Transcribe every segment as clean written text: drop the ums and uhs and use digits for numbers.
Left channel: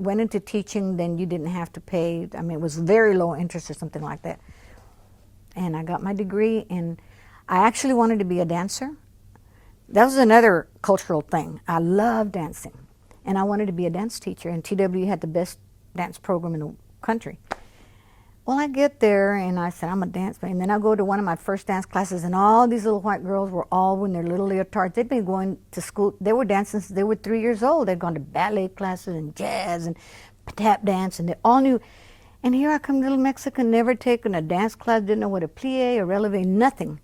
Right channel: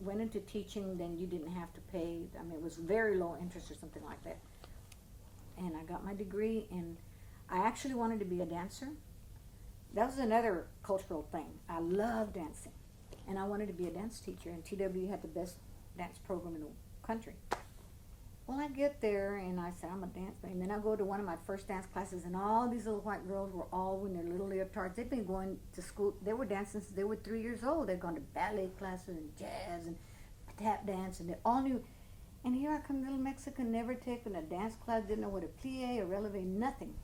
went into teaching, then you didn't have to pay. I mean, it was very low interest or something like that. And I got my degree, and I actually wanted to be a dancer. That was another cultural thing. I love dancing, and I wanted to be a dance teacher, and TW had the best dance program in the country. Well, I get there, and I said, I'm a dancer. And then I go to one of my first dance classes, and all these little white girls were all in their little leotards. They'd been going to school. They were dancing since they were 3 years old. They'd gone to ballet classes and jazz and tap dance, and they all knew. And here I come, little Mexican, never taken a dance class, didn't know what a plie, a releve, nothing.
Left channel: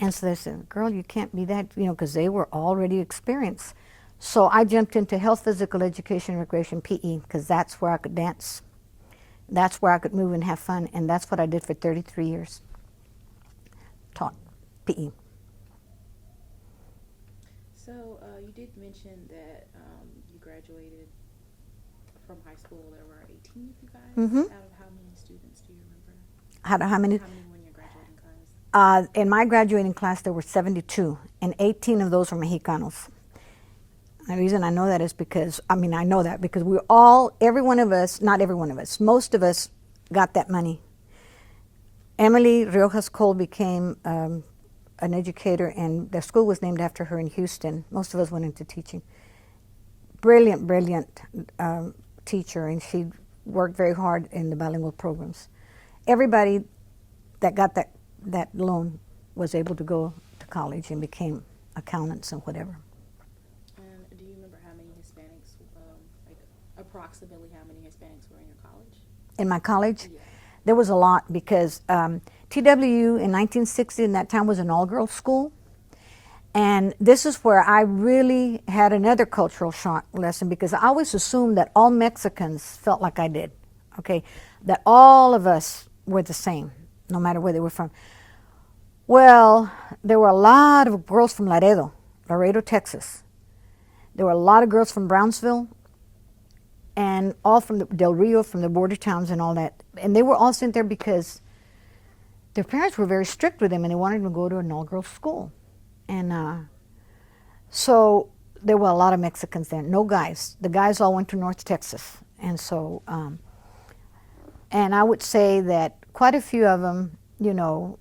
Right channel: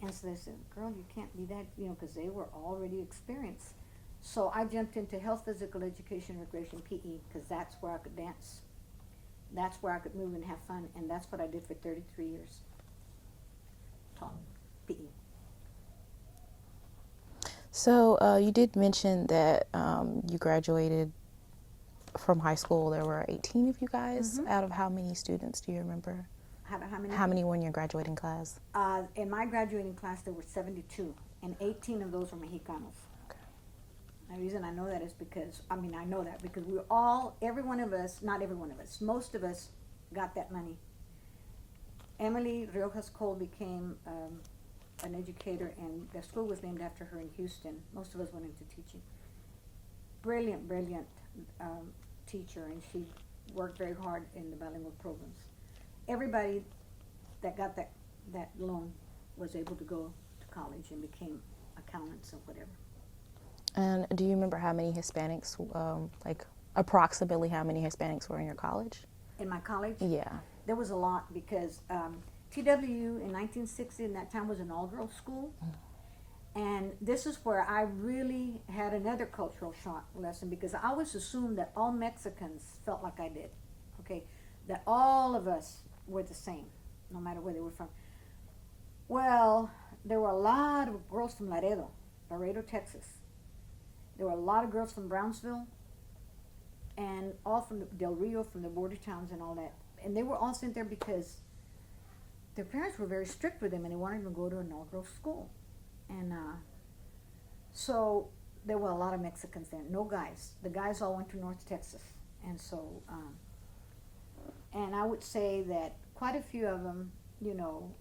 And so they said, girl, you can't be that, you know, because they were already experienced. So I jumped into health, physical education, recreation, PE, because that's where I could dance. That's where I could move and have fun, and that's what I did for 33 years. Taught PE. So you did mention that you graduated from high school. There were 18 of you guys. Out of how many students do you remember? How many? How many were in your graduating class? In my graduating class, there were 72, and 18 of those were Mexicanos. The reason I know that is because, I know that because we all, every one of us, not every one of us, most of us got that money. Emily Riojas Cole became an educator, and the school was named after her in Houston. Most of us went into teaching. Brilliant, brilliant teacher, and she worked very hard in the bilingual programs. Everybody that got that loan was able to go to college and became accountants and whatever. And do you remember how many Hispanics, like approximately how many Hispanics were in your college? In my college? Yeah. There was a lot because TWU in 1960 in that time was an all-girls school. And this is where I really had another cultural shock lesson, because I always assumed that all Mexicans felt like I did, okay? That all of us were the same, no matter where they were from. Well, there were a lot of girls from Laredo, Texas. There were a lot of girls from Brownsville, and all from Del Rio, from the border towns and all that. And they were all sent there because their parents were very strict with them, and they wanted them to go to an all-girls school. And so there were a lot of Mexicans there, no guys. The guys all went to North Texas. And so, and I would say that quite a few of them, you know,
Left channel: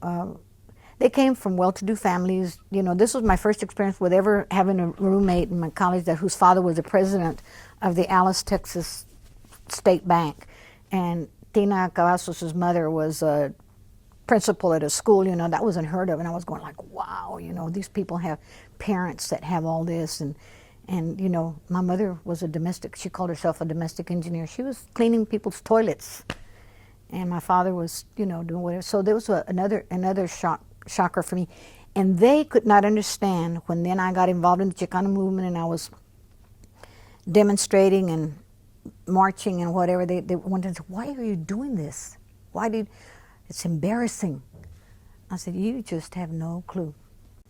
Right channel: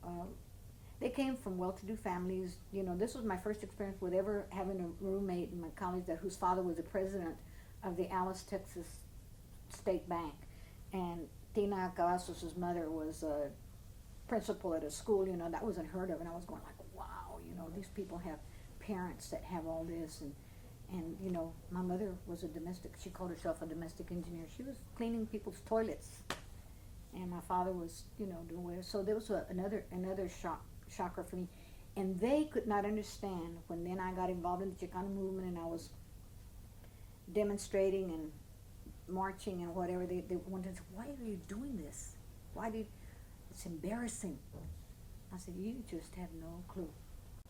they came from well-to-do families. You know, this was my first experience with ever having a roommate in my college whose father was the president of the Alice, Texas State Bank. And Tina Cavazos' mother was a principal at a school. You know, that was unheard of. And I was going like, wow, you know, these people have parents that have all this. And you know, my mother was a domestic, she called herself a domestic engineer. She was cleaning people's toilets. And my father was, you know, doing whatever. So there was another shocker for me. And they could not understand when then I got involved in the Chicano movement and I was demonstrating and marching and whatever. They wanted to say, why are you doing this? It's embarrassing. I said, you just have no clue.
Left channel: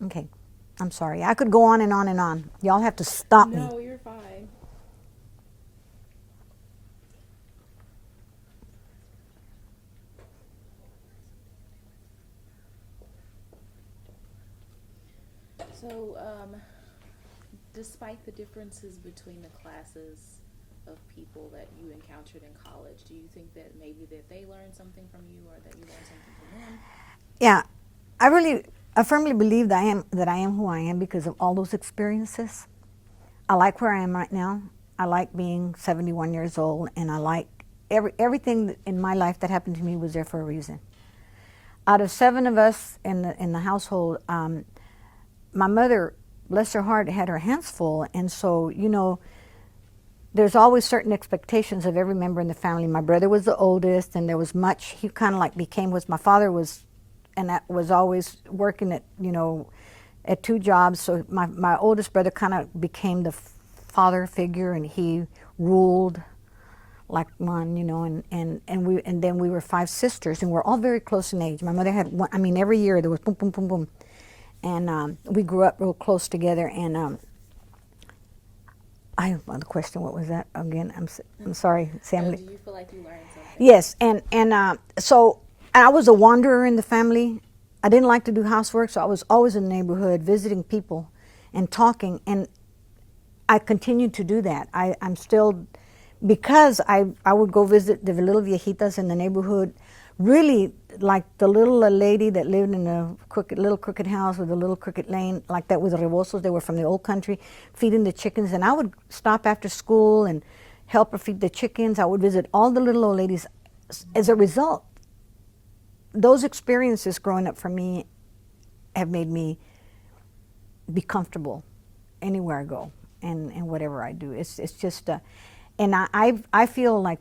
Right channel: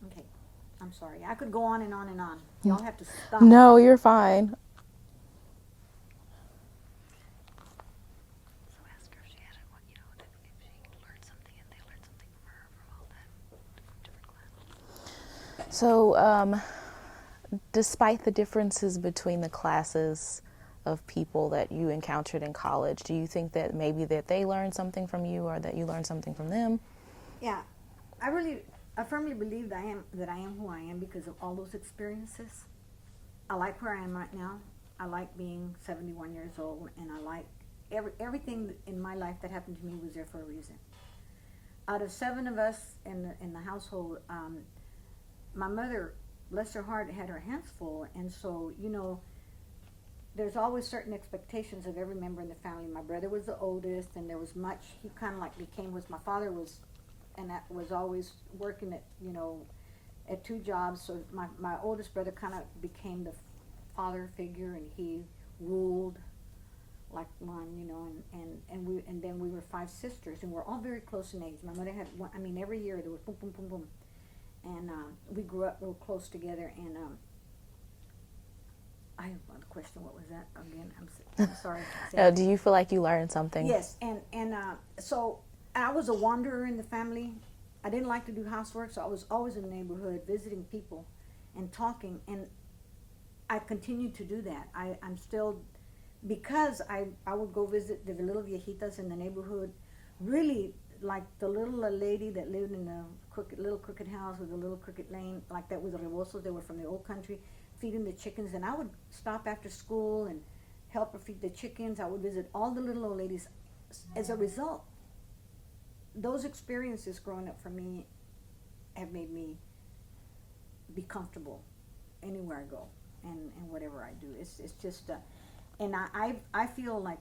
Okay, I'm sorry. I could go on and on and on. Y'all have to stop me. No, you're fine. So, despite the differences between the classes of people that you encountered in college, do you think that maybe that they learned something from you or that you learned something from them? Yeah, I firmly believe that I am who I am because of all those experiences. I like where I am right now. I like being 71 years old, and I like everything in my life that happened to me was there for a reason. Out of 7 of us in the household, my mother, bless her heart, had her hands full, and so, you know, there's always certain expectations of every member in the family. My brother was the oldest, and there was much, he kind of like became what my father was, and that was always working at, you know, at 2 jobs. So my oldest brother kind of became the father figure, and he ruled like one, you know, and then we were 5 sisters, and we're all very close in age. My mother had one, I mean, every year there was boom, boom, boom, boom. And we grew up real close together, and the question, what was that again? I'm sorry. Do you feel like you learned something? Yes, and so I was a wanderer in the family. I didn't like to do housework, so I was always in the neighborhood visiting people and talking, and I continued to do that. I'm still because I would go visit the little viejitas in the neighborhood, really like the little lady that lived in a little crooked house with a little crooked lane, like that with the Rebosos. They were from the old country, feeding the chickens. And I would stop after school and help her feed the chickens. I would visit all the little old ladies. As a result, those experiences growing up for me have made me be comfortable anywhere I go and whatever I do. It's just, and I feel like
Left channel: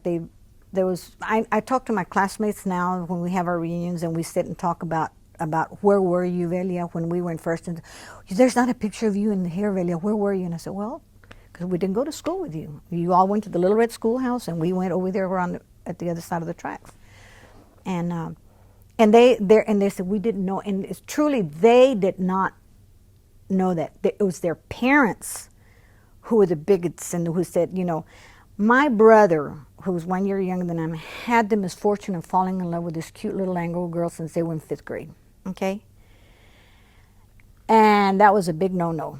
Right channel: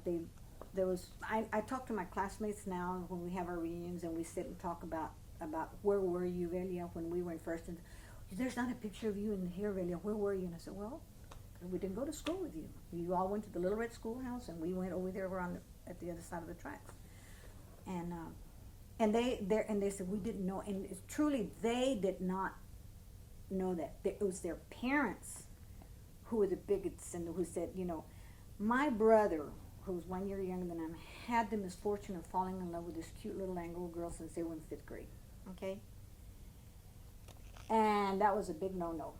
I talk to my classmates now when we have our reunions and we sit and talk about where were you, Velia, when we were in first. And there's not a picture of you in here, Velia. Where were you? And I said, well, because we didn't go to school with you. You all went to the Little Red Schoolhouse, and we went over there around at the other side of the tracks. And they said we didn't know, and it's truly they did not know that. It was their parents who were the bigots and who said, you know, my brother, who was 1 year younger than I, had the misfortune of falling in love with this cute little Anglo girl since they were in 5th grade, okay? And that was a big no-no.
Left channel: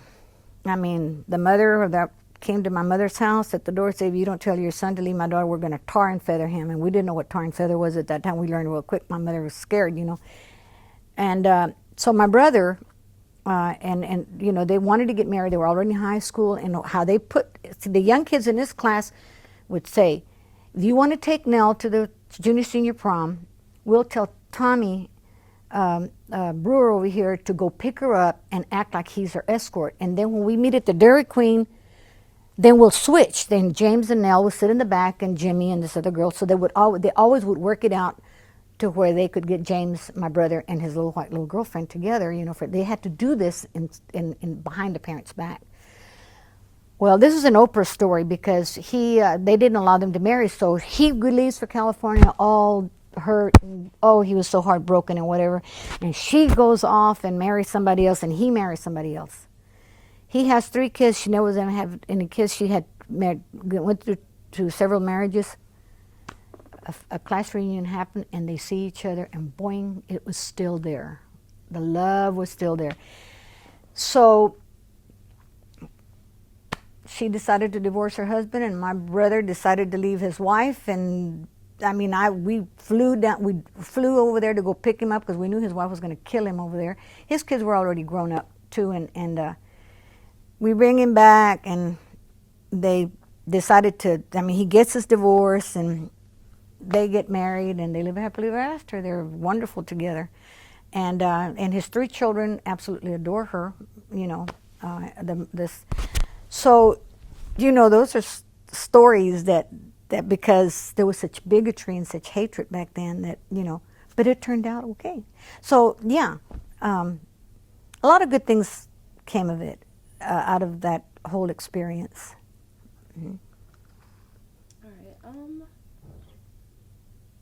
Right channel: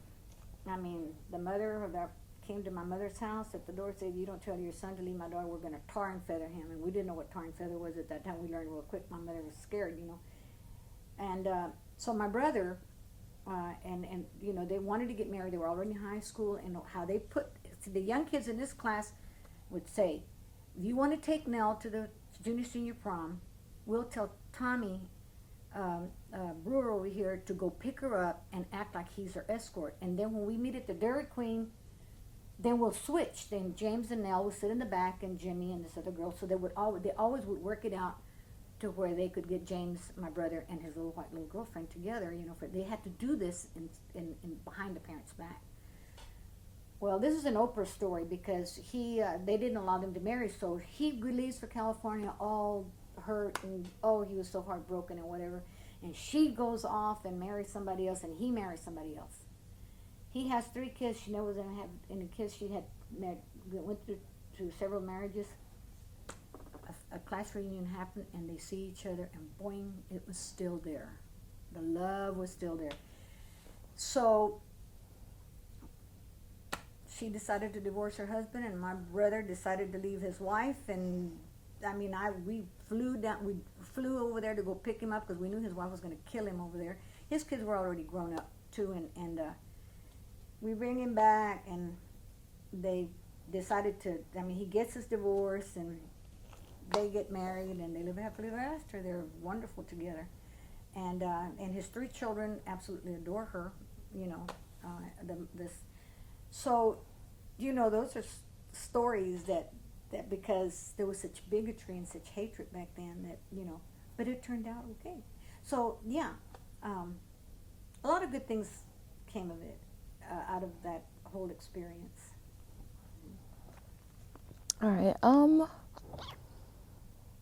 I mean, the mother of that came to my mother's house at the door and said, if you don't tell your son to leave my daughter, we're going to tar and feather him. And we didn't know what tar and feather was at that time. We learned real quick. My mother was scared, you know. And so my brother, and you know, they wanted to get married. They were already in high school. And how they put, the young kids in this class would say, if you want to take Nell to the junior senior prom, we'll tell Tommy Brewer over here to go pick her up and act like he's her escort. And then when we meet at the Dairy Queen, then we'll switch. Then James and Nell would sit in the back, and Jimmy and this other girl. So they always would work it out to where they could get James, my brother, and his little white little girlfriend together. You know, they had to do this in behind the parents' back. Well, this is an Oprah story because they didn't allow them to marry, so he leaves for California all hurt. And, oh, he was so heartbroken and whatever. And she goes off and marries somebody else, and he marries somebody else. He has 3 kids. She never was going to have any kids. She had went through several marriages. A class reunion happened, and they see each other, and boing, it was still there. The love was still there. So she decided to divorce her husband, and my brother decided to leave his wife. And I mean, we flew over there to go pick him up because we knew his wife was going to kill him over there. His kids were already grown up too, and we bring him back, and they decided to. I mean, he gets his divorce, and they get married, and they live happily ever after. They're wonderful together, and his 3 children absolutely adore her. You know, So, you know, those are stories that because there was such bigotry and such hatred back then that, you know, but it turned out okay. So, yeah, a lot of good things came of it, out of that whole experience. All right.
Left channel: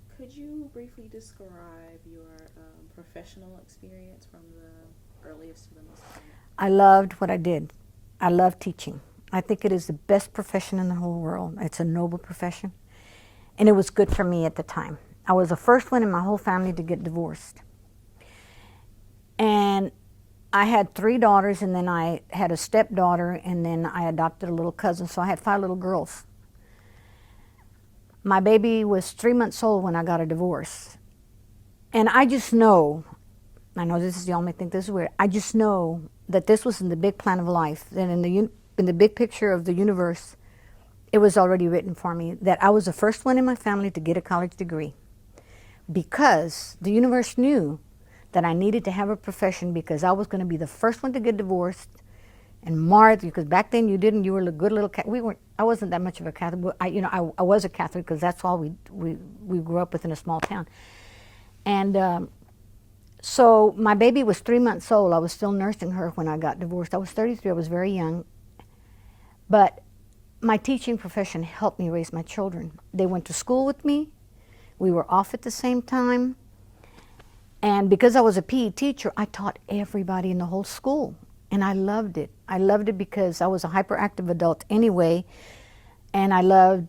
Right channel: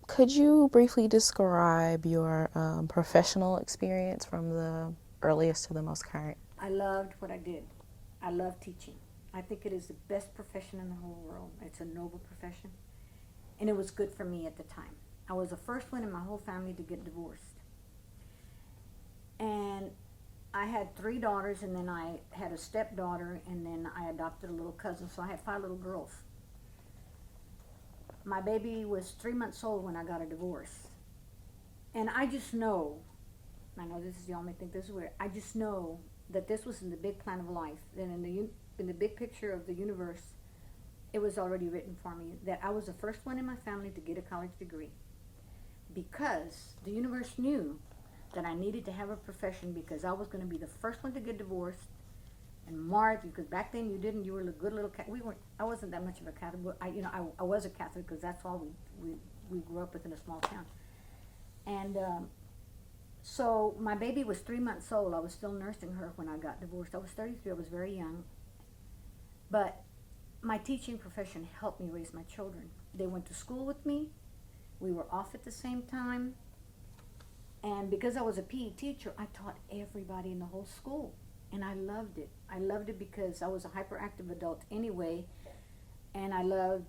Could you briefly describe your professional experience from the earliest to the most current? I loved what I did. I love teaching. I think it is the best profession in the whole world. It's a noble profession. And it was good for me at the time. I was the first one in my whole family to get divorced. And I had 3 daughters, and then I had a stepdaughter, and then I adopted a little cousin. So I had 5 little girls. My baby was 3 months old when I got a divorce. And I just know, I know this is, y'all may think this is weird, I just know that this was in the big plan of life, that in the big picture of the universe, it was already written for me that I was the first one in my family to get a college degree, because the universe knew that I needed to have a profession, because I was going to be the first one to get divorced and marred, because back then you were a good little I wasn't that much of a Catholic. I was a Catholic because that's all we grew up with in a small town. And so my baby was 3 months old. I was still nursing her when I got divorced. I was 33. I was very young. But my teaching profession helped me raise my children. They went to school with me. We were off at the same time. And because I was a PE teacher, I taught everybody in the whole school. And I loved it. I loved it because I was a hyperactive adult anyway. And I loved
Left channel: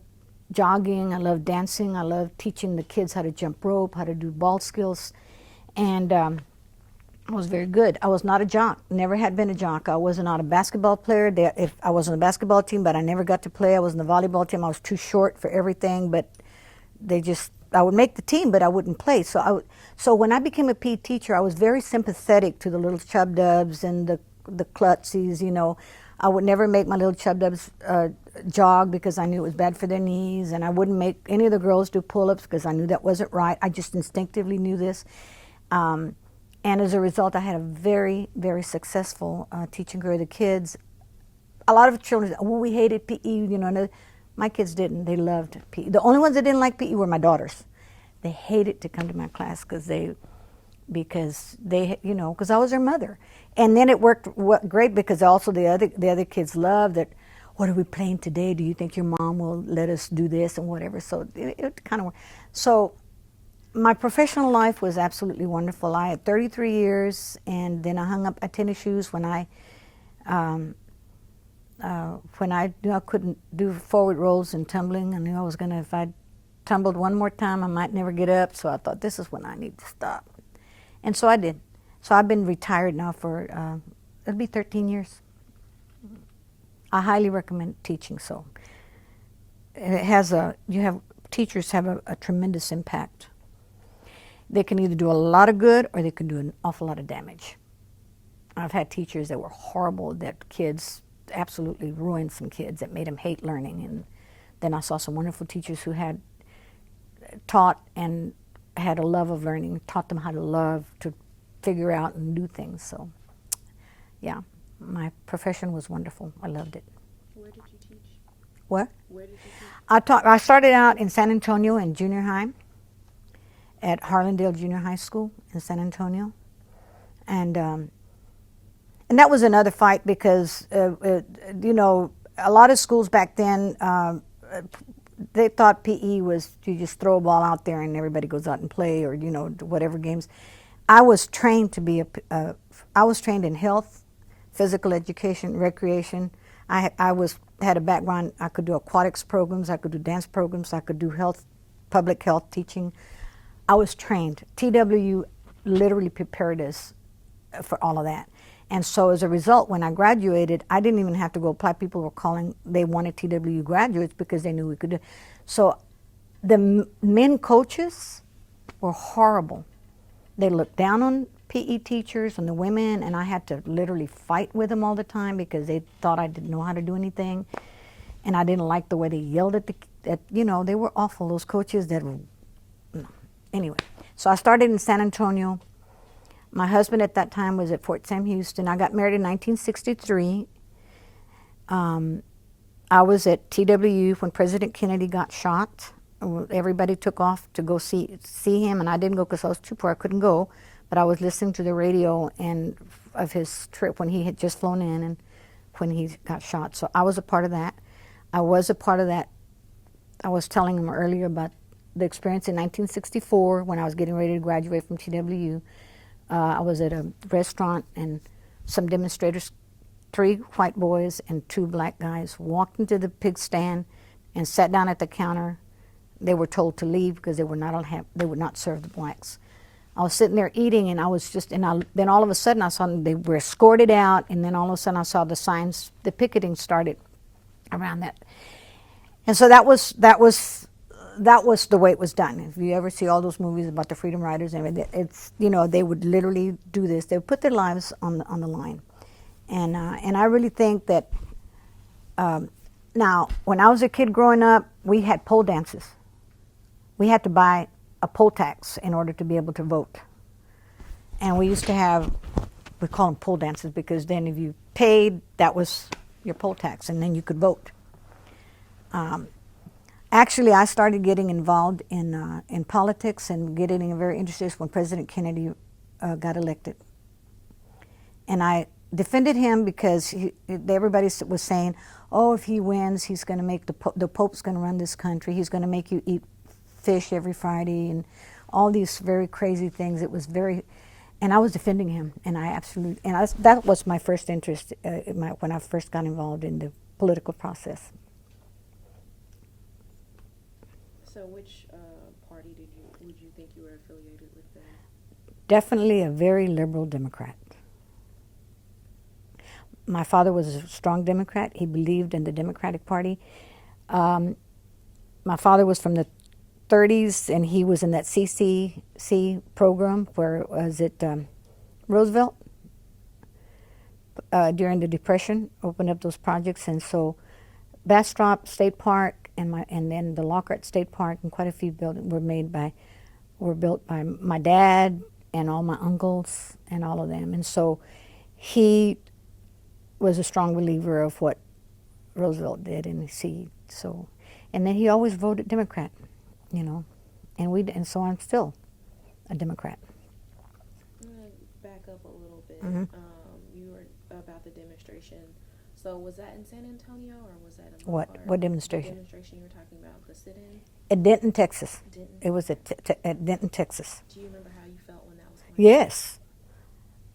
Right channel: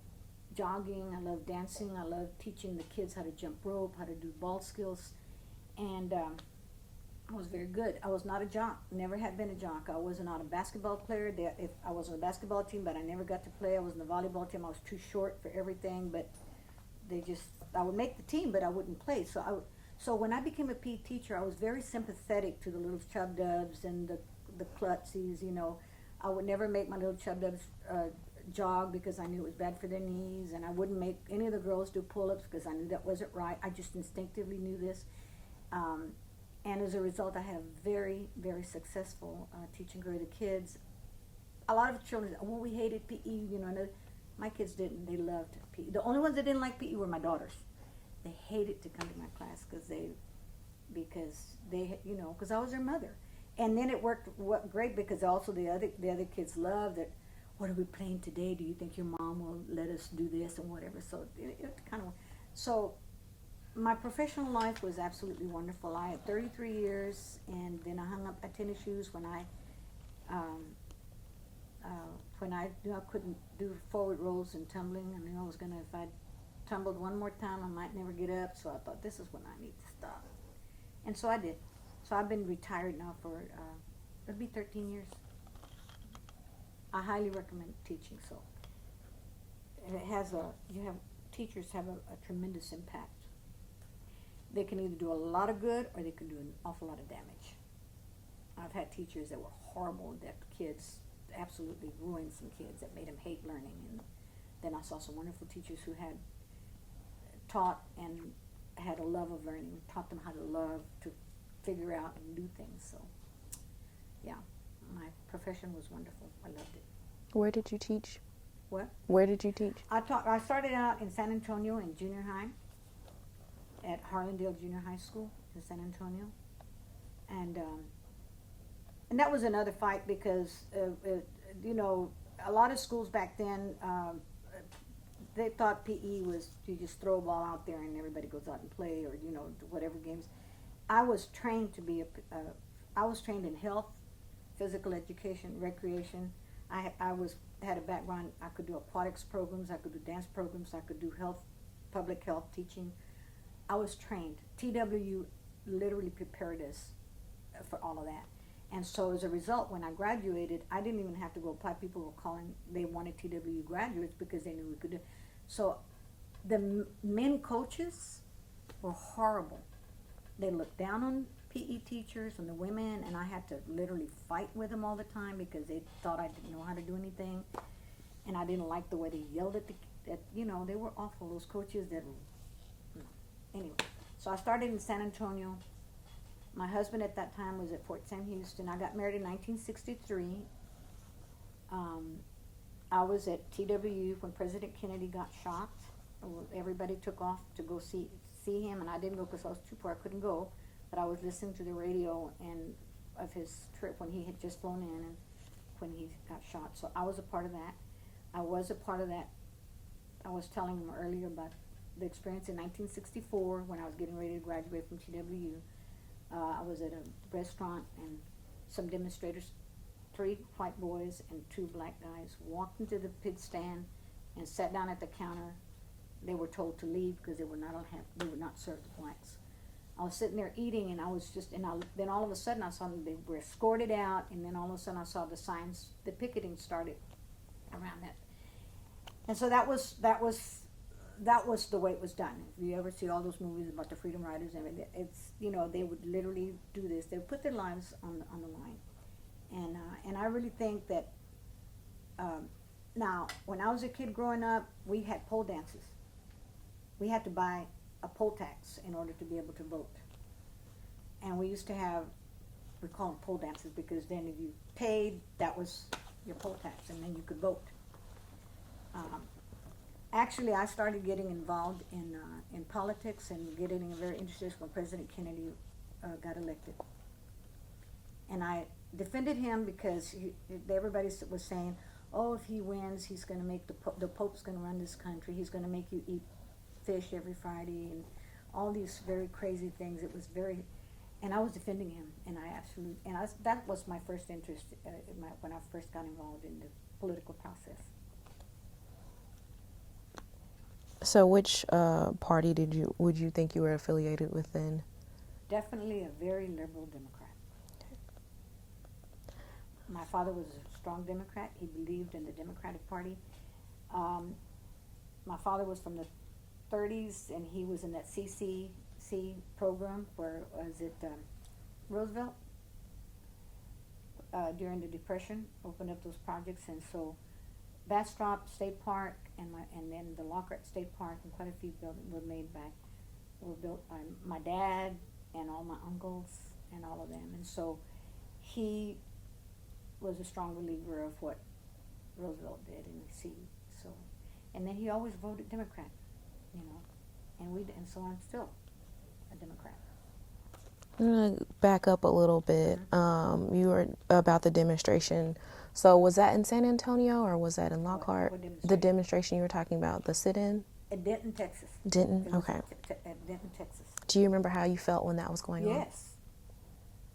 jogging. I loved dancing. I loved teaching the kids how to jump rope, how to do ball skills. And I was very good. I was not a jock. Never had been a jock. I was not a basketball player. If I was on the basketball team, but I never got to play. I was on the volleyball team. I was too short for everything. But I would make the team, but I wouldn't play. So when I became a PE teacher, I was very sympathetic to the little chub dubs and the klutsies. You know, I would never make my little chub dubs jog because I knew it was bad for their knees, and I wouldn't make any of the girls do pull-ups because I knew that wasn't right. I just instinctively knew this. And as a result, I had a very, very successful teaching career. The kids, a lot of children, oh, we hated PE, you know. No, my kids didn't. They loved PE. The only ones that didn't like PE were my daughters. They hated to come to my class because I was their mother. And then it worked great because also the other kids loved that. What are we playing today? Do you think your mom will let us do this and whatever? So it kind of worked. So my professional life was absolutely wonderful. I had 33 years, and then I hung up my tennis shoes when I knew I couldn't do forward rolls and tumbling. I knew I was gonna, if I tumbled one more time, I might never get up. So I thought, this is when I need to stop. And so I did. So I've been retired now for, it'll be 13 years. I highly recommend teaching. So teachers have a tremendous impact. They can either do a lot of good or they can do an awful lot of damage. I've had teachers that were horrible, that kids absolutely ruined some kids, that made them hate learning. And then I saw some wonderful teachers who had taught and had a love of learning, taught them how to love, to figure out and do things. So yeah, my profession was wonderful. I loved it. Where did you teach? What? Where did you teach? I started out in San Antonio in junior high at Harlandale Junior High School in San Antonio. And that was another fight because, you know, a lot of schools back then, they thought PE was you just throw a ball out there and everybody goes out and play, or, you know, whatever games. I was trained to be I was trained in health, physical education, recreation. I had a background. I could do aquatics programs, I could do dance programs, I could do health, public health teaching. I was trained. TW literally prepared us for all of that. And so as a result, when I graduated, I didn't even have to go apply. People were calling, they wanted TW graduates because they knew we could do. So the men coaches were horrible. They looked down on PE teachers and the women, and I had to literally fight with them all the time because they thought I didn't know how to do anything. And I didn't like the way they yelled at you know, they were awful, those coaches that were, no. Anyway, so I started in San Antonio. My husband at that time was at Fort Sam Houston. I got married in 1963. I was at TW when President Kennedy got shot. Everybody took off to go see him, and I didn't go because I was too poor. I couldn't go, but I was listening to the radio and of his trip when he had just flown in and when he got shot. So I was a part of that. I was telling him earlier about the experience in 1964 when I was getting ready to graduate from TW. I was at a restaurant and some demonstrators, 3 white boys and 2 black guys, walked into the pig stand and sat down at the counter. They were told to leave because they would not serve the blacks. I was sitting there eating, and I was just, then all of a sudden I saw them, they were escorted out, and then all of a sudden I saw the signs, the picketing started around that. And so that was the way it was done. If you ever see all those movies about the Freedom Riders and everything, it's, you know, they would literally do this. They would put their lives on the line. And I really think that, now, when I was a kid growing up, we had pole dances. We had to buy a poll tax in order to be able to vote. And we used to have, we call them poll dances because then if you paid, that was your poll tax, and then you could vote. Actually, I started getting involved in politics and getting very interested when President Kennedy got elected. And I defended him because everybody was saying, oh, if he wins, he's going to make the Pope's going to run this country. He's going to make you eat fish every Friday and all these very crazy things. It was very, and I was defending him, and that was my first interest when I first got involved in the political process. So which party would you think you were affiliated with then? Definitely a very liberal Democrat. My father was a strong Democrat. He believed in the Democratic Party. Um, my father was from the 30s, and he was in that CCC program where was it Roosevelt during the Depression opened up those projects, and so Bastrop State Park and then the Lockhart State Park and quite a few buildings were built by my dad and all my uncles and all of them, and so he was a strong believer of what Roosevelt did, and and then he always voted Democrat, you know, and so I'm still a Democrat. I'm gonna back up a little bit. You were about the demonstration. So was that in San Antonio or was that in Lockhart? What demonstration? The demonstration you were talking about, the sit-in? At Denton, Texas. Denton? It was Okay. at Denton, Texas. Do you remember how you felt when that was going on? Yes.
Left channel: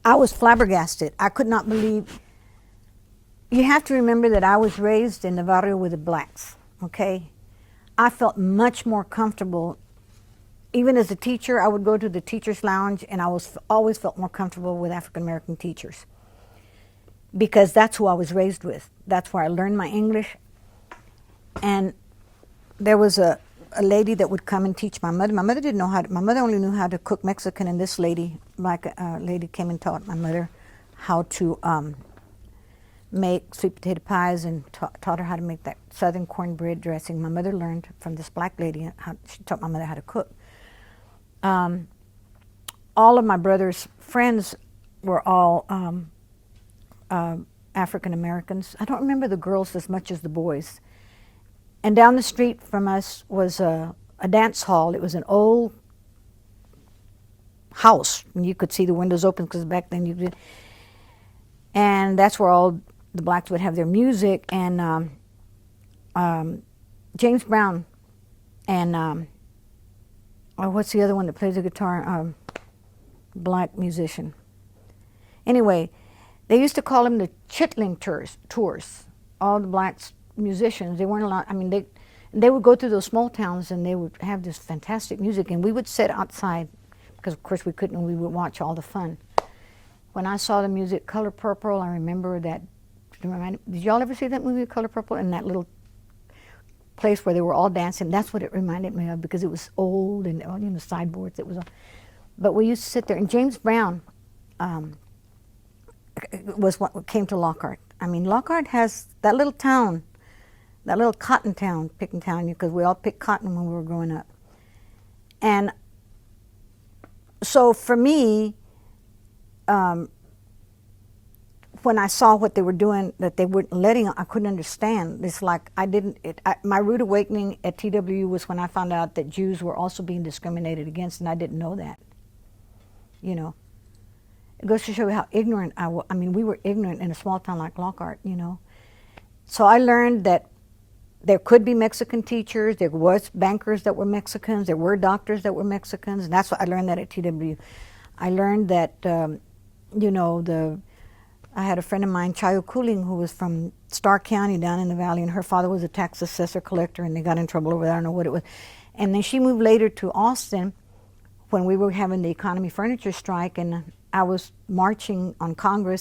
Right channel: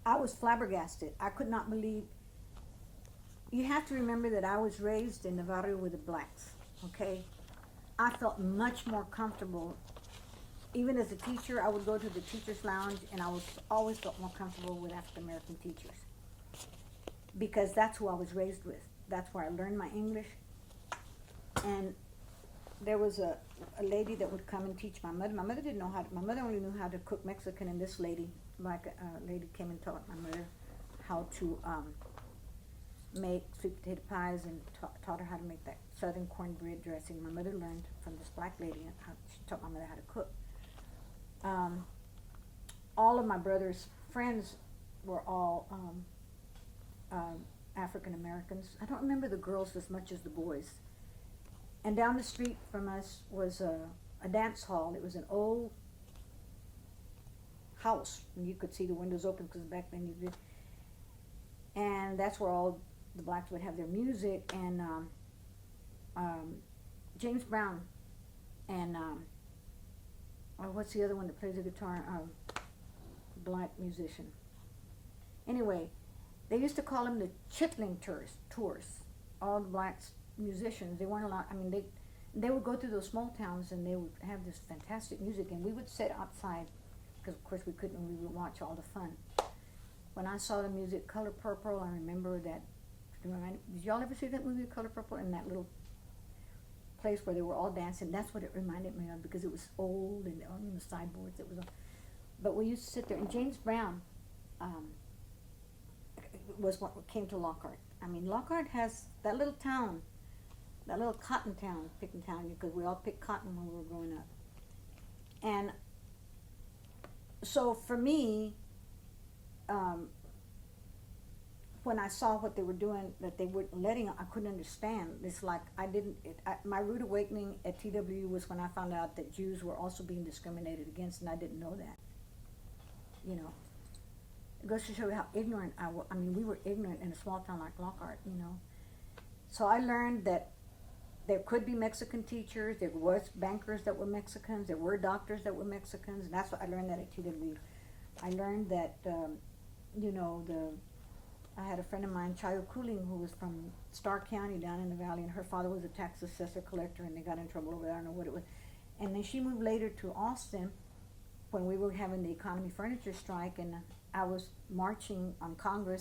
I was flabbergasted. I could not believe. You have to remember that I was raised in the barrio with the blacks, okay? I felt much more comfortable. Even as a teacher, I would go to the teacher's lounge, and I always felt more comfortable with African American teachers because that's who I was raised with. That's where I learned my English. And there was a lady that would come and teach my mother. My mother didn't know my mother only knew how to cook Mexican, and this lady, lady came and taught my mother how to make sweet potato pies and taught her how to make that southern cornbread dressing. My mother learned from this black lady. She taught my mother how to cook. All of my brother's friends were all African Americans. I don't remember the girls as much as the boys. And down the street from us was a dance hall. It was an old house, and you could see the windows open because back then you did. And that's where all the blacks would have their music. And James Brown and what's the other one that plays the guitar? Black musician. Anyway, they used to call them the Chitlin tours. All the blacks musicians, they weren't allowed. I mean, they would go through those small towns and they would have this fantastic music, and we would sit outside because of course we couldn't, and we would watch all the fun. When I saw the music Color Purple, I remember that. Did y'all ever see that movie Color Purple? In that little place where they were all dancing, that's what it reminded me of because it was old and the sideboards. It was, but we used to sit there, and James Brown was what came to Lockhart. I mean, Lockhart has that little town. That little cotton town, picking town, because we all picked cotton when we were growing up. And so for me, when I saw what they were doing, that they weren't letting, I couldn't understand. It's like my rude awakening at TW was when I found out that Jews were also being discriminated against, and I didn't know that. You know, it goes to show you how ignorant I was. I mean, we were ignorant in a small town like Lockhart, you know. So I learned that there could be Mexican teachers, there was bankers that were Mexicans, there were doctors that were Mexicans, and that's what I learned that at TW. I learned that, you know, I had a friend of mine, Chayo Cooling, who was from Starr County down in the valley, and her father was a tax assessor collector, and they got in trouble over that, I don't know what it was. And then she moved later to Austin when we were having the economy furniture strike, and I was marching on Congress